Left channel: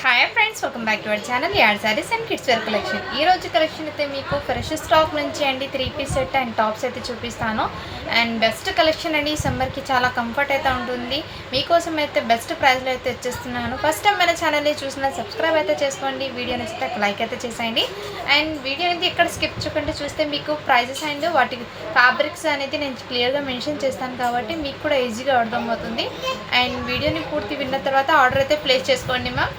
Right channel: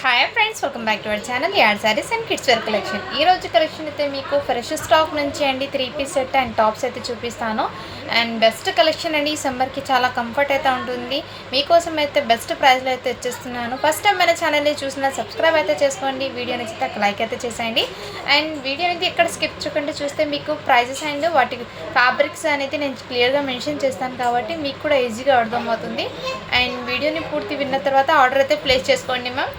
Hi friends, welcome back to our channel యాడ్ saris and kids wear collection. ఈ రోజు collection అయితే మీకు ఫ్రెష్ స్టాక్ నుంచి అండి 3 పీస్ సెట్ అండ్ టాప్స్ అయితే చూపిస్తాను. అండ్ బెస్ట్ కలెక్షన్ అండి. ఈ సమ్మర్కి చాలా కంఫర్ట్ అయితే ఉంటుంది. మీకోసం అయితే బెస్ట్ ప్రైస్లో అయితే వచ్చేస్తున్నాను. ఫస్ట్ టైం మన ఛానల్ని చూసిన సబ్స్క్రైబ్ అయితే చేసుకోండి. వీడియో నచ్చితే లైక్ అయితే చేసేయండి. అండ్ వీడియో అనేది ఇక్కడ స్కిప్ చేయకుండా చూస్తే మీకు ప్రైజెస్ అండ్ వాటి ఫ్యాబ్రిక్స్ అనేది నేను క్లియర్గా మెన్షన్ చేస్తాను కాబట్టి మీకు కూడా ఈజీగా అర్థమవుతుంది. అండ్ వీడియోని పూర్తి విన్న తర్వాత ఆర్డర్ అయితే ప్లేస్ చేసుకోండి మ్యామ్.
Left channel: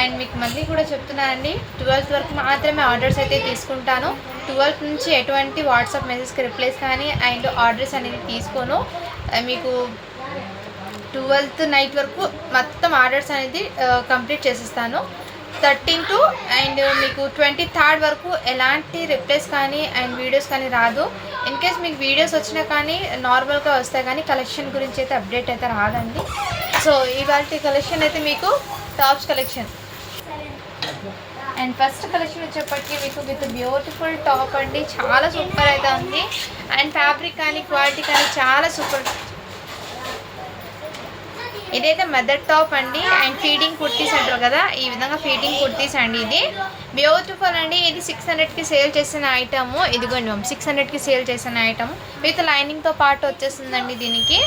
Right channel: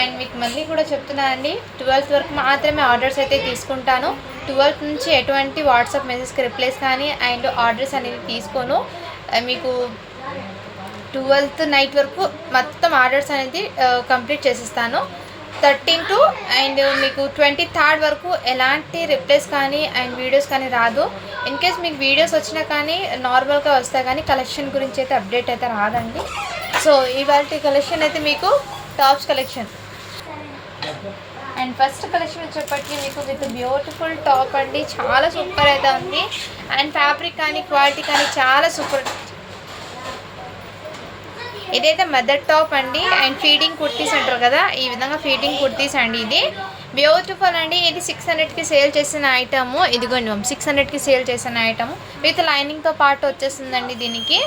అండ్ మీకు మళ్ళీ కూడా చెప్తున్నానండి, 12 వరకు మాత్రమే ఆర్డర్స్ అయితే తీసుకుంటాను. 12 నుంచి ఎటువంటి వాట్సాప్ మెసేజ్కి రిప్లైస్ కానీ అండ్ ఆర్డర్స్ అనేది తీసుకోను. మీకు 12th నైట్ వరకు మొత్తం ఆర్డర్స్ అనేది కంప్లీట్ చేసిస్తాను. 13 అండ్ మీకు 23rd వరకు ఎలాంటి రిప్లైస్ కానీ అండ్ వీడియోస్ కానీ రాదు. ఇన్ కేస్ మీకు వీడియోస్ వచ్చినా కానీ నార్మల్గా వస్తాయి కానీ కలెక్షన్ గురించి అయితే అప్డేట్ అయితే రాదండి. సో ఇవాళ కలెక్షన్ అయితే మీకు tops collection. And first collection వచ్చేప్పటికి మీకు విత్ బ్యూటిఫుల్ టాప్ అండి. చాలా సూపర్ అయితే ఉంది. అండ్ ఫ్యాబ్రిక్ కానీ క్వాలిటీ కానీ చాలా సూపర్. ఇదైతే మదర్ టాప్ అండి. అండ్ ఫీడింగ్ కుర్తీస్ అంటారు కదా, ఈ విధంగా ఫీడింగ్ కుర్తీస్ అండి. ఇది బ్యూటిఫుల్ అండి. ఇది 600కి సేల్ చేసిన ఐటము. ఇదిగోండి 600కి సేల్ చేసిన ఐటము విత్ లైనింగ్తో పాటు వచ్చేస్తుందండి. దీనికి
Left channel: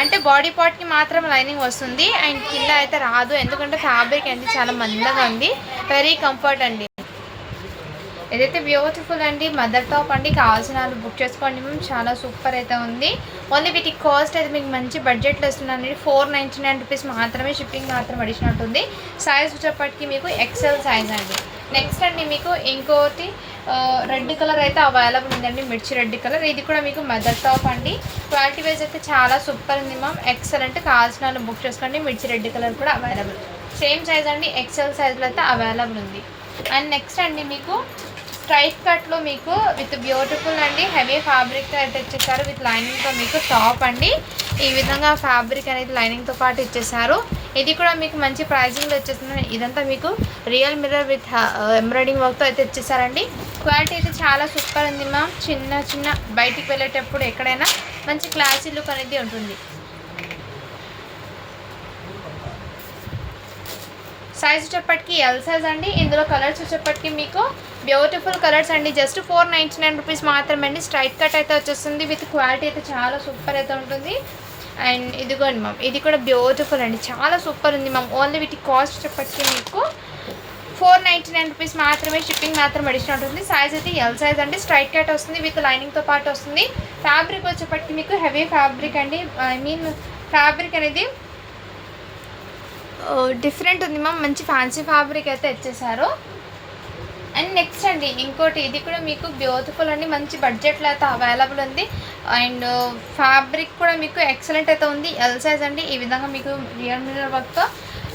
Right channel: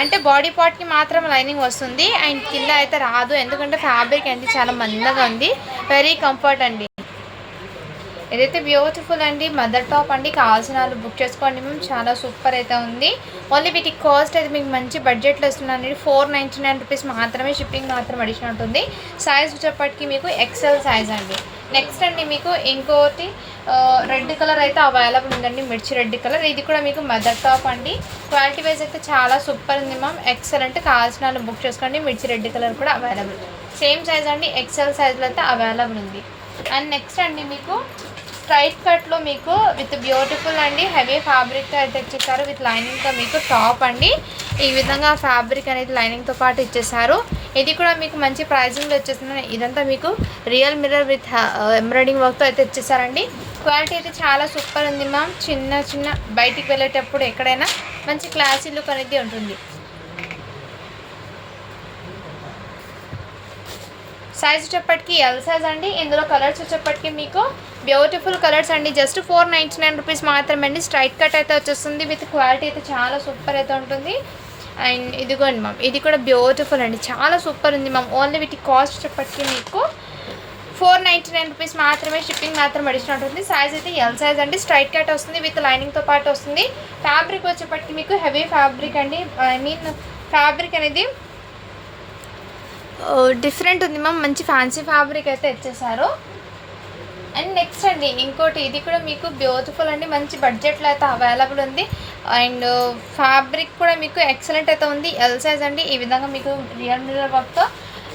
అంటే బాడీ పార్ట్కి మాత్రం లైనింగ్ వస్తుంది అండ్ కింద అయితే రాదు. ఎందుకంటే ఫ్యాబ్రిక్ అనేది చాలా మందంగా ఉంది. వెరీ కంఫర్ట్ అండి. ఇదైతే బ్యూటిఫుల్ అండి. మదర్ టాప్ అండి. కావాల్సిన వాళ్ళు బుక్ చేసుకోండి మేము. చాలా సూపర్ అయితే ఉంది. ఓన్లీ వీటి కాస్ట్ అయితే మీకు మంచి బడ్జెట్లో వస్తుందండి. 499 రూపీస్ మాత్రమే. షిప్పింగ్ మాత్రం అడిషనల్ ఉంటుంది. సైజ్ వచ్చేప్పటికి మీకు ఎక్సెల్ సైజ్ అండి. నెక్స్ట్ అండి మీకు ఇంకోటి రెడ్ కలర్ అయితే అవైలబుల్ ఉందండి. మిర్చి రెడ్ కలర్. ఇది కూడా మీకు మదర్ టాప్ అండి. క్వాలిటీ వైజ్ అయితే చాలా సూపర్ ఉంది మ్యామ్. ఎక్సలెంట్. కావాల్సిన వాళ్ళు బుక్ చేసుకోండి. మిర్చి రెడ్ కలర్ కూడా అవైలబుల్. సేమ్ సైజ్ అండి. ఎక్సెల్ సైజ్లో అయితే అవైలబుల్ ఉంది. అండ్ నెక్స్ట్ అండి మీకు స్ట్రైట్ కట్లో మీకు విత్ బ్యూటిఫుల్ అండి హెవీ ఫ్యాబ్రిక్ అయితే ఇచ్చేసారు. విత్ లైనింగ్తో మీకు టాప్ అండి. ఈ విధంగా ఫ్యాబ్రిక్ అనేది లైనింగ్తో పాటు ఇచ్చేసారు. ఇది కూడా మీకు మంచి ప్రైజింగ్లో వచ్చేస్తుంది. ఇదంతా మీకు రియల్ మిర్రర్ విత్ ఎంబ్రాయిడింగ్ వర్క్తో అయితే ఇచ్చేసారండి. క్వాలిటీ అయితే చాలా సూపర్ ఉంది మ్యామ్. చిన్న బయటికి వెళ్ళేటప్పుడు ఎక్కడైనా మంచి క్లాసీ లుక్ అనేది ఉంటుంది. సైజ్ వచ్చేప్పటికి ఎల్ సైజ్ అండి. ఇందులో కలర్స్ వచ్చేప్పటికి మీకు బ్యూటిఫుల్ కలర్స్ అండి. జస్ట్ 499 రూపీస్ మాత్రమే అండి. స్ట్రైట్ కట్ అయితే వచ్చేస్తుంది. విత్ క్వాలిటీ అయితే చాలా సూపర్ అయితే ఉంటుంది. అండ్ ఇదిగోండి మ్యామ్, ఇది కూడా బ్యూటిఫుల్ అండి. చాలా సూపర్ ఉంది మ్యామ్. ఓన్లీ వీటి కాస్ట్ వచ్చేప్పటికి మీకు 499 రూపీస్ మాత్రమే. షిప్పింగ్ మాత్రం అడిషనల్ ఉంటుంది. సైజ్ అయితే ఎల్ సైజ్ అండి. స్ట్రైట్ కట్ వస్తుంది. విత్ లైనింగ్తో పాటు వస్తుంది. ఫ్యాబ్రిక్ వచ్చేప్పటికి మీకు హెవీ ఫ్యాబ్రిక్ అండి. ఫ్యాబ్రిక్ అనేది డిఫరెంట్ ఉంది మ్యామ్. మంచి ఫ్యాన్సీ ఫ్యాబ్రిక్ అయితే ఇచ్చేసారు. అండ్ నెక్స్ట్ అండి ఇంకోటి, ఇది కూడా మీకు బ్యూటిఫుల్ అండి. మంచి బడ్జెట్లో అయితే అవైలబుల్ ఉంది. అండ్ ఫ్యాబ్రిక్ కూడా మీకు ఎక్సలెంట్ అయితే ఉంది. ఎల్ సైజ్ అండి. ఈ విధంగా మీకు రియల్ మిర్రర్ వర్క్తో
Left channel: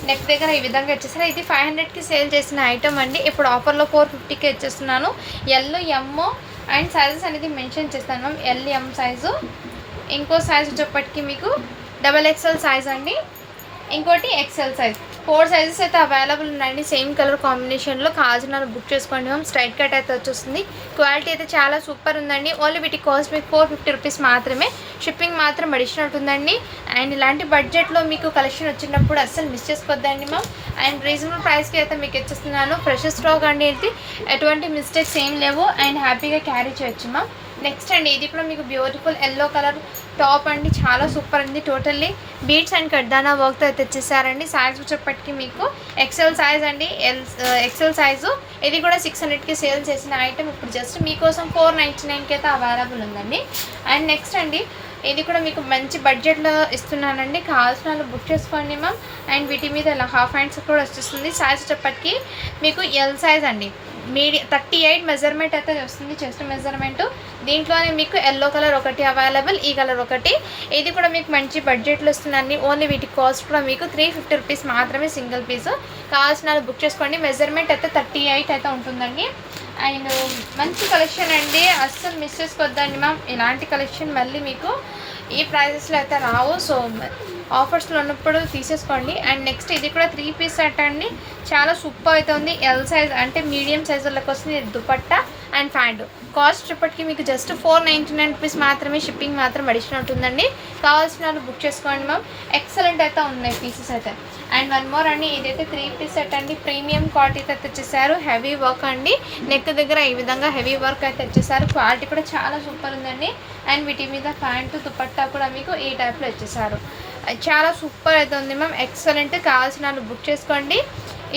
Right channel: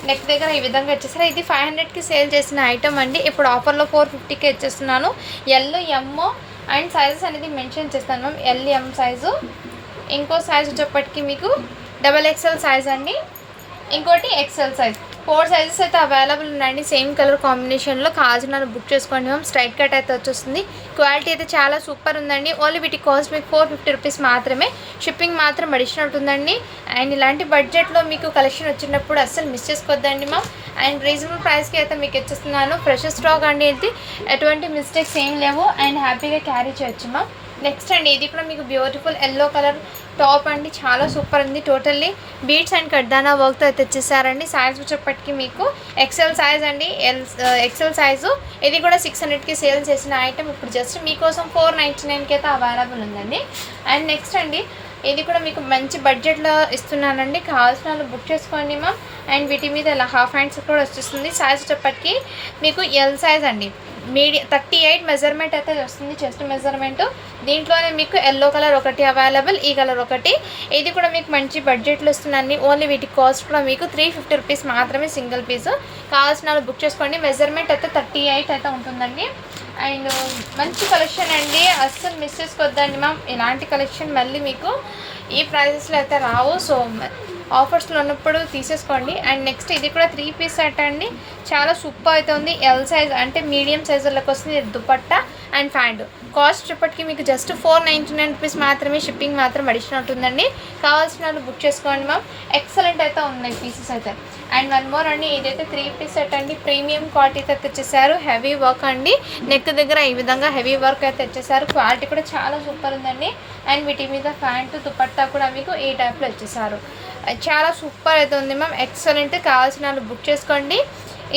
నెక్ దగ్గర ఈ విధంగా ఇచ్చేసారు. ఇది 500కి సేల్ చేసిన ఐటమ్ అండి. ఇప్పుడు ఆఫర్లో 450కి ఇచ్చేస్తున్నాను. ఎల్ ఎమ్ అండ్ సైజెస్ అనేది మెన్షన్ చేస్తాను మ్యామ్. L M size. ఇంకో సైజ్ వచ్చేప్పటికి మీకు XXL సైజ్ అండి. ఇంకోటి ఎక్సెల్ సైజ్. 4 సైజెస్ అయితే అవైలబుల్ ఉన్నాయండి. సేమ్ కలర్ కాంబినేషన్లో. కావాల్సిన బుక్ చేసుకోండి మ్యామ్. స్ట్రైట్ కట్ అయితే వచ్చేస్తుంది. క్వాలిటీ అయితే చాలా సూపర్ ఉందండి. ఓన్లీ వీటి కాస్ట్ మీకు 450 రూపీస్ మాత్రమే. షిప్పింగ్ మాత్రం అడిషనల్ ఉంటుందండి. అండ్ ఇలాంటి బడ్జెట్లో మీకు కలెక్షన్ వచ్చినప్పుడు అస్సలు మిస్ చేసుకోవద్దండి మ్యామ్. అండ్ రీజనబుల్ ప్రైస్కి అయితే మీకు ఇచ్చేస్తున్నాను. ఫ్రెష్ స్టాక్ అండి. ఇది ఎటువంటి మిస్టేక్స్ ఏం లేవు అండ్ హ్యాపీగా క్యారీ చేయొచ్చు మ్యామ్. నెక్స్ట్ అండి ఇది కూడా మీకు బ్యూటిఫుల్ ఎల్లో కలర్ టాప్ అండి. చాలా సూపర్ ఉంది. టోటల్లీ బీడ్స్ అండ్ కడ్డానా వర్క్తో అయితే తెచ్చేసారండి. సైజ్ వచ్చేప్పటికి మీకు ఎక్సెల్ సైజ్ అండి. XL size. ఇది కూడా 600కి సేల్ చేసిన ఐటమ్ ఇప్పుడు జస్ట్ మీకోసం 499కి అయితే అవైలబుల్ ఉందండి. అండ్ నెక్స్ట్ అండి ఇది కూడా మీకు మంచి బడ్జెట్లో ఇస్తున్నానండి. కావాల్సిన వాళ్ళు బుక్ చేసుకోండి మ్యామ్. అండ్ వీటి మీద ఇలా హాఫ్ హ్యాండ్స్ కూడా వచ్చేస్తుంది. సైజ్ వచ్చేప్పటికి మీకు ఎల్ సైజ్ అండి. 38 మెజర్మెంట్ అయితే వస్తుంది. Chest measurement. దీంట్లోనే మీకు ఎల్లో కలర్ ఒకటి అవైలబుల్, ఈ కలర్ ఒకటి. ఇది కూడా మీకు మంచి బడ్జెట్లో వస్తుందండి. ఓన్లీ వీటి కాస్ట్ కూడా మీకు 350 రూపీస్ మాత్రమే సింగిల్ పీసు. కావాల్సిన వాళ్ళు బుక్ చేసుకోండి. మెజర్మెంట్ అయితే 38 అయితే ఉంటుందండి. అండ్ మంచి కలెక్షన్ అండి. అస్సలు మిస్ చేసుకోవద్దండి మ్యామ్. ఇలాంటి కలెక్షన్ మళ్ళీ మీకు ఈ ప్రైజెస్లో అయితే రావు. సో ఆఫర్స్లో ఉన్నప్పుడు తీసేసుకోండి. అండ్ నెక్స్ట్ ఇది కూడా 3 పీస్ సెట్ అండి. చాలా సూపర్ అయితే ఉంది. ఎల్ సైజ్ అంటే మీడియం సైజులకు వస్తుంది. Dupatta and pant. కాస్ట్ ఇప్పటికి మీకు జస్ట్ 499 రూపీస్ మాత్రమే. షిప్పింగ్ మాత్రం అడిషనల్ ఉంటుందండి. కావాల్సిన వాళ్ళు బుక్ చేసుకోండి మ్యామ్. ఎక్సలెంట్ అయితే ఉన్నాయి పీసెస్ అయితే. అండ్ వన్ మోర్ అండి, ఇదైతే 3 పీస్ సెట్ అండి, ప్రీమియం క్వాలిటీకి అయితే తెచ్చేసారు. హెవీ వర్క్ అండి, నెక్ దగ్గర ఈ విధంగా హెవీ వర్క్ అయితే తెచ్చేసారు. క్వాలిటీ కూడా చాలా సూపర్ ఉందండి. అండ్ వీటి మీద ప్యాంటు దుపట్టా కూడా మీకు ఈ టైప్లో ఇచ్చేసారు. చాలా సూపర్ అయితే ఉంది మ్యామ్, ఎక్సలెంట్. కావాల్సిన వాళ్ళు బుక్ చేసుకోండి.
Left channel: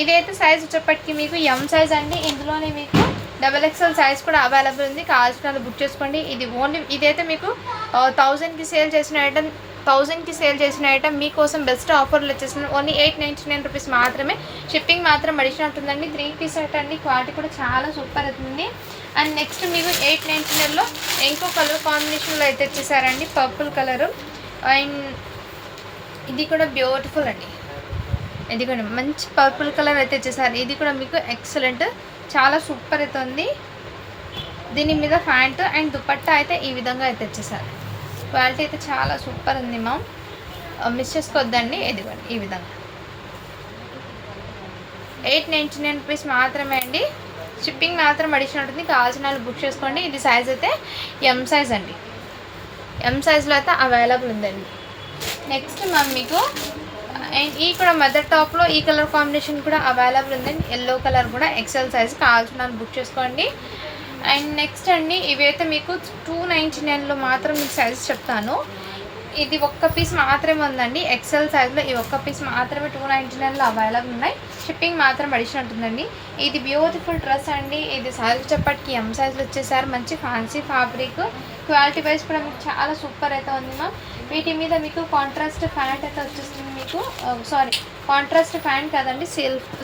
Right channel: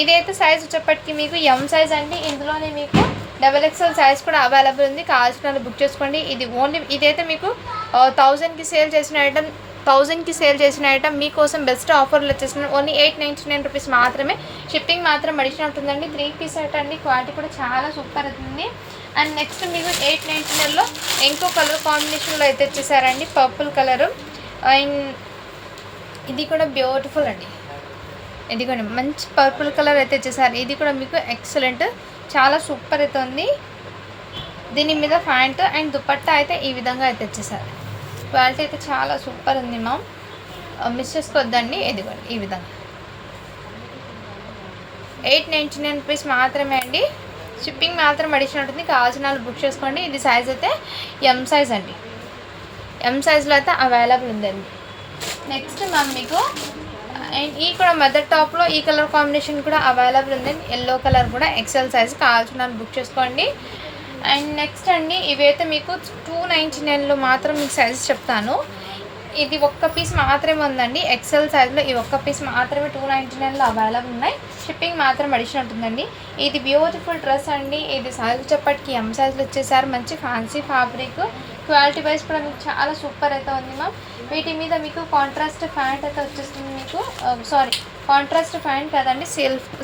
ఇదైతే సైజ్ వచ్చేప్పటికి మీకు ఎం సైజ్ అండి, ఇందులోనే మీకు XXL సైజ్ కూడా అవైలబుల్ ఉంది. కావాల్సిన వాళ్ళు బుక్ చేసుకోండి. ఇది ఓన్లీ ఇదైతే మీకు 1000కి సేల్ చేసిన ఐటమ్ మీకోసం బెస్ట్ ఆఫర్లు వచ్చేసింది. ఓన్లీ 899 రూపీస్ మాత్రమే. షిప్పింగ్ మాత్రం అడిషనల్ ఉంటుందండి. 3 పీస్ సెట్ అండి, క్వాలిటీ కూడా చాలా సూపర్ అవుతుంది. అండ్ నెక్స్ట్ మీకు 899లో ఇంకో కలర్ కాంబినేషన్లో అయితే వచ్చేసారండి, పర్పుల్ కలరు. అండ్ ఇది కూడా బ్యూటిఫుల్ అండి, ఇది కూడా మంచి పర్పుల్ కలర్ అయితే వచ్చేసారు. ఇది కూడా మీకు ఎక్సలెంట్, చాలా సూపర్ అయితే ఉంది. దీని మీద ప్యాంటు అండ్ దుపట్టా అయితే ఈ విధంగా అయితే వచ్చేసారు. క్వాలిటీ అయితే చాలా సూపర్ ఉంది మ్యామ్, మిస్ చేసుకోవద్దండి. ఇదిగోండి ఈ విధంగా 899 రూపీస్ మాత్రమే అండి. షిప్పింగ్ మాత్రం అడిషనల్ ఉంటుంది. కావాల్సిన వాళ్ళు బుక్ చేసుకోండి. ఇది సైజ్ అయితే ఎం సైజ్ అండి, ఎం సైజ్లో అయితే అవైలబుల్ ఉందండి. నెక్స్ట్ మ్యామ్ మీకు అండ్ ఈ కూడా మదర్ టాప్లో ఈ కలర్ కాంబినేషన్ కూడా అవైలబుల్ ఉందండి, ఎల్లో కలర్ కూడా ఎక్సెల్ సైజ్. కావాల్సిన వాళ్ళు బుక్ చేసుకోండి. అండ్ నెక్స్ట్ అండి, ఇవైతే మీకు 299లో మాత్రం మీకు సైజ్ చెప్తాను. ఇది ఒక్క పీస్ మాత్రమే ఉందండి, ఎక్సెల్ సైజ్లో ఈ ఒక్క పీస్ మాత్రమే 299లో అవైలబుల్ ఉన్నాయి. షిప్పింగ్ మాత్రం అడిషనల్ ఉంటుందండి. ఇది బ్యూటిఫుల్ డ్రెస్ అండి, ఇది సైజ్ చెప్పటికి ఎం సైజ్లో వచ్చేసారు. మంచి ఫ్యాన్సీ ఫ్యాబ్రిక్, క్వాలిటీ వైజ్ కూడా మీకు చాలా సూపర్ అయితే ఉంది మ్యామ్. వీటి మీద మీకు కాంట్రాస్ట్ ప్యాంట్ అయితే వచ్చేస్తుంది మీకు, కాంట్రాస్ట్ ప్యాంట్ కదండి,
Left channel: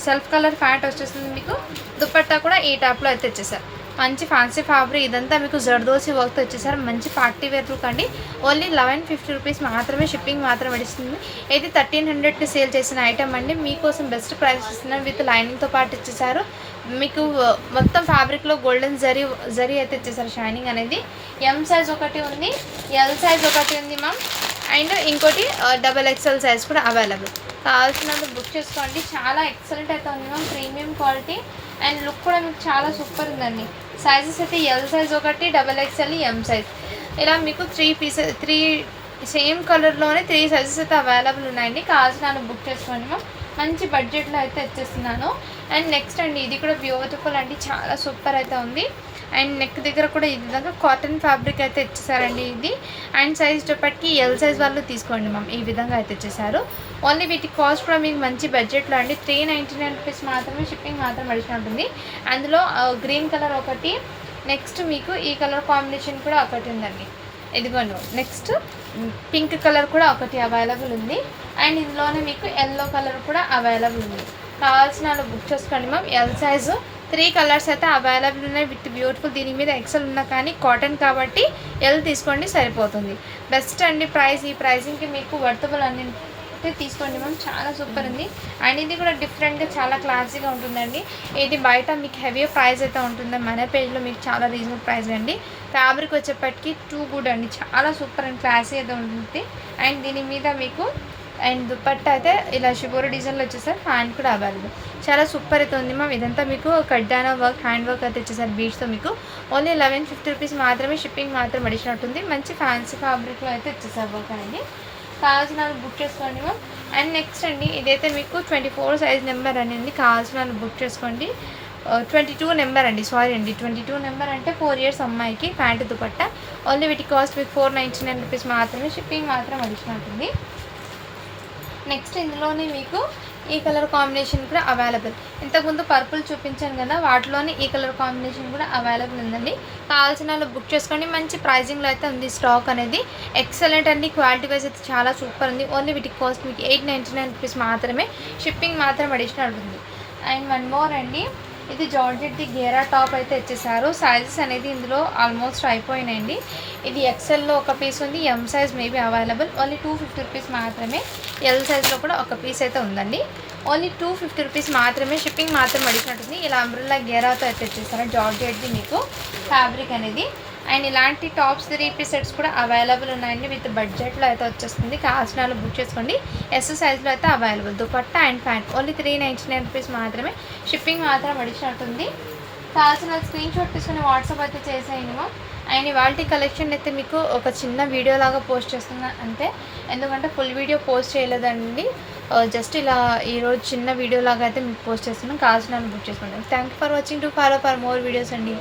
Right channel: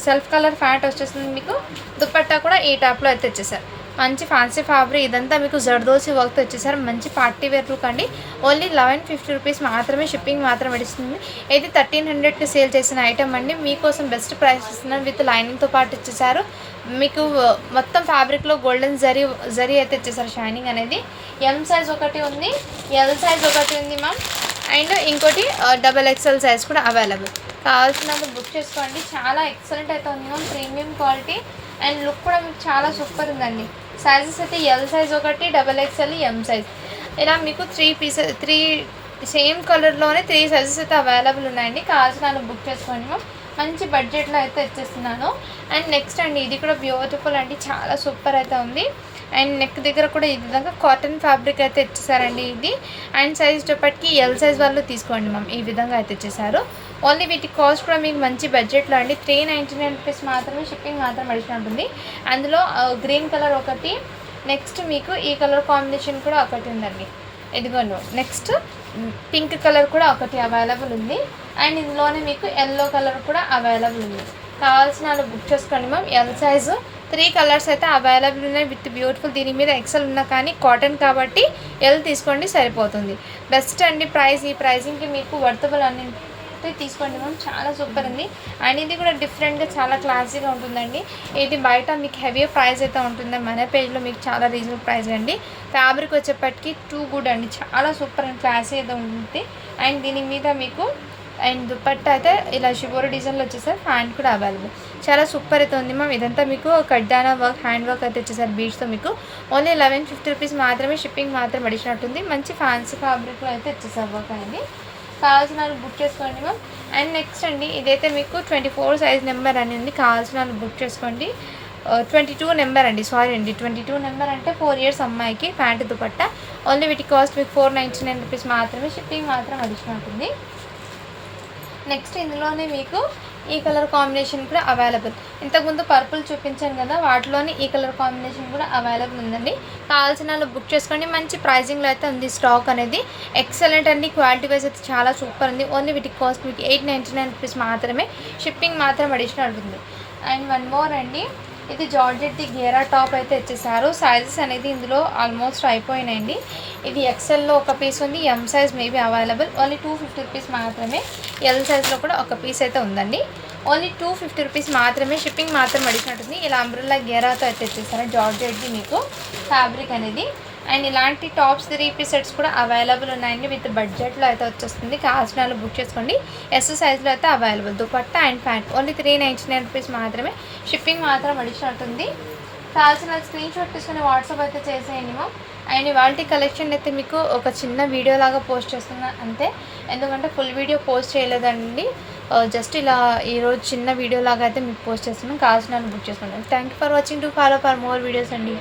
సెల్ఫ్ కలర్ ప్యాంట్ వచ్చేస్తుంది మీకు. దుపట్టా కూడా ఈ టైప్లో అయితే వచ్చేసారు. మంచి ఫ్యాన్సీ ఫ్యాబ్రిక్, ఇదంతా మీకు జర్దోసి వర్క్తో వచ్చేసారు. మంచి పార్టీ వేర్ లుక్ అండి. ఓన్లీ 1150 రూపీస్ మాత్రమే, షిప్పింగ్ మాత్రం ఇస్తుంది. ఇది 1300కి సేల్ చేసిన ఐటమ్ అండి, మీకోసం బెస్ట్ ప్రైస్ ఇస్తున్నారు. విత్ లైనింగ్తో పాటు ఇచ్చేసారు. మీకు మొత్తం ఫ్యాబ్రిక్లో గోల్డెన్ జరీ అయితే ఇచ్చేసారు, షైనింగ్ అనేది. ఎం సైజ్ ఒకటి ఉంది, ఎల్ సైజ్ ఒకటి ఉంది మ్యామ్. అండ్ ఇంకోటి XXL సైజ్ కూడా అవైలబుల్. కావాల్సినందుకు బుక్ చేసుకోండి. చాలా ఎక్సలెంట్ అయితే ఉంది ma'am, premium quality. And look కూడా మీకు చాలా సూపర్ ఉందండి. సైజెస్ అయితే ఎల్ సైజ్ ఒకటి, XXL, ఎం సైజ్, ఇలా మీకు 3 సేమ్ కలర్లోనే 3 సైజెస్ అయితే అవైలబుల్ ఉన్నాయండి. కావాల్సిన బుక్ చేసుకోండి మ్యామ్, మంచి బడ్జెట్లో అయితే వచ్చేస్తున్నాను. అండ్ నెక్స్ట్ అండి, ఇది కూడా బ్యూటిఫుల్ అండి, చాలా సూపర్ అయితే ఉంది. అండ్ నెక్ దగ్గర కూడా ఈ విధంగా కాటన్ ఫ్యాబ్రిక్ అయితే ఇచ్చేసారండి ఇది. అండ్ సైజ్ వచ్చేప్పటికి ఎల్ సైజ్ వాళ్ళు తీసుకోండి మ్యామ్, ఈ విధంగా అయితే ఇచ్చేసారు. ఓన్లీ వీటి కాస్ట్ కూడా మీకు మంచి బడ్జెట్లో అండి, 399 రూపీస్ మాత్రమే. షిప్పింగ్ మాత్రం అడిషనల్ ఉంటుంది. అందులో గ్రీన్ కలర్ ఒకటి, నెక్స్ట్ మీకు ఈ కలర్ కాంబినేషన్ కూడా ఒకటి ఉందండి, ఇదిగోండి. నెక్స్ట్ పింక్ కలర్ కూడా ఒకటి అవైలబుల్ ఉంది. అండ్ ఇందులోనే మీకు ఎల్లో కలర్ కూడా అవైలబుల్ ఉంది. కావాల్సిన వాళ్ళు బుక్ చేసుకోండి మ్యామ్. ఎల్ సైజు 3 కలర్స్ అయితే అవైలబుల్ ఉన్నాయి విత్ బ్యూటిఫుల్. దీని మీద ఎక్సెల్ ఉన్నా కానీ కాటన్ కాబట్టి ఎల్ తీసుకోండి, సరిపోతుంది. బెస్ట్ అండి ప్రైస్. ఈ ప్రైజింగ్కి మీకు వర్తబుల్ అన్నింటి తీసుకోండి మ్యామ్, చాలా సూపర్ ఉంది. అండ్ ఇది కూడా డిఫరెంట్గా చాలా క్లాసీగా ఉంటుందండి. ఇది బయట మీకు హెవీ ప్రైస్ అయితే ఉంటుంది, మన పేజ్లో మీకు చాలా రీజనబుల్ ప్రైస్ అండి. ఫ్యాబ్రిక్ వచ్చేప్పటికి టూ గుడ్ అండి, చాలా సూపర్ అండ్ క్లాసీ అయితే ఉంటుంది. అండ్ దీని మీద మీకు అండ్ దుపట్టా అయితే ఇలా షిబోరి డిజైన్లో వచ్చేసారు. హ్యాండ్ కూడా అవైలబుల్, చాలా సూపర్ అయితే ఉంది మ్యామ్. ఇదంతా మీకు కడ్డానా వర్క్, హ్యాండ్ వర్క్ అయితే వచ్చేసారు బీడ్స్తో. మీకు ఓన్లీ 1150 రూపీస్ మాత్రమే. షిప్పింగ్ మాత్రం అడిషనల్ ఉంటుంది. మంచి ఫ్యాన్సీ ఫ్యాబ్రిక్లో అయితే వచ్చేసారు వర్క్ అనేది. కావాల్సిన వాళ్ళు బుక్ చేసుకోండి మ్యామ్. అండ్ నెక్స్ట్ అండి, ఇదైతే మీకు 24 సైజ్ నెంబర్ అనేది. కావాల్సిన వాళ్ళు బుక్ చేసుకోండి. 22 నెంబర్ అండి, సారీ అండి, 22 నెంబర్ అంటే 4 ఇయర్స్ అమ్మాయికి ప్యాంటు దుపట్టా. ఓన్లీ వీటి కాస్ట్ మీకు 499 రూపీస్ మాత్రమే. షిప్పింగ్ మాత్రం అడిషనల్ ఉంటుంది. నెక్స్ట్ ఇందులోనే మీకు ఈ కలర్ కాంబినేషన్ కూడా అవైలబుల్. ఇంతకుముందు పర్పుల్ చూపించాను కదా, వాటిలోనే ఈ కలర్ కాంబినేషన్ కూడా అవైలబుల్ ఉందండి. కావాల్సిన వాళ్ళు బుక్ చేసుకోండి. మంచి ప్రైజింగ్లో అయితే ఉంది స్టాక్ అనేది. ఎక్సలెంట్ అండి, క్వాలిటీ వైజ్ అయితే చాలా సూపర్ ఉంది. ఓన్లీ వీటి కాస్ట్ మీకు 899 రూపీస్ మాత్రమే. షిప్పింగ్ మాత్రం అడిషనల్ ఉంటుంది. అండ్ వన్ మోర్ అండి, ఇది జార్జెట్ది గేరా టాప్ అయితే ఇచ్చేసారు. సైజెస్ అనేది ఇందులో ఆల్మోస్ట్ అయిపోయినాయండి. ఇది ఎక్సెల్లో ఒక పీస్ ఉంది, M size maybe available. Only 250 rupees మాత్రమే. ఎల్ సైజ్లో కూడా ఒక పీస్ అయితే ఉందండి. ఓన్లీ 250 రూపీస్ మాత్రమే. షిప్పింగ్ మాత్రం అడిగినట్టుంది. ఇలా అంబ్రెల్లా గేరాతో అయితే వచ్చేసారు జార్జెట్ది మీకు ఫ్యాబ్రిక్ అనేది. అండ్ ఇలాంటి టాప్స్ 3 పీస్ సెట్స్ కూడా అవైలబుల్ ఉన్నాయండి. విత్ బడ్జెట్లో అయితే వచ్చేస్తుంది. కావాల్సిన వాళ్ళు బుక్ చేసుకోండి. ఎస్ సైజ్లో అయితే available. Dupatta and pant only 399 rupees మాత్రమే. షిప్పింగ్ మాత్రం అడిషనల్ ఉంటుంది. కావాల్సిన స్క్రీన్ షాట్ తీసుకుని వాట్సాప్ అయితే చేసేయండి మ్యామ్. అండ్ ఇవాల్టి కలెక్షన్ అయితే మీకు ఒక చిన్న వీడియో లాగా పోస్ట్ చేస్తున్నాను అంతే, ఎందుకంటే ఫుల్ వీడియో పోస్ట్ చేయలేదండి. జస్ట్ ఇలా ఈరోజు చిన్న వీడియో లాగా అయితే మీకు పోస్ట్ చేస్తున్నాను. కావాల్సిన బుక్ చేసుకోండి. Thank you for watching. To follow for more videos అండి.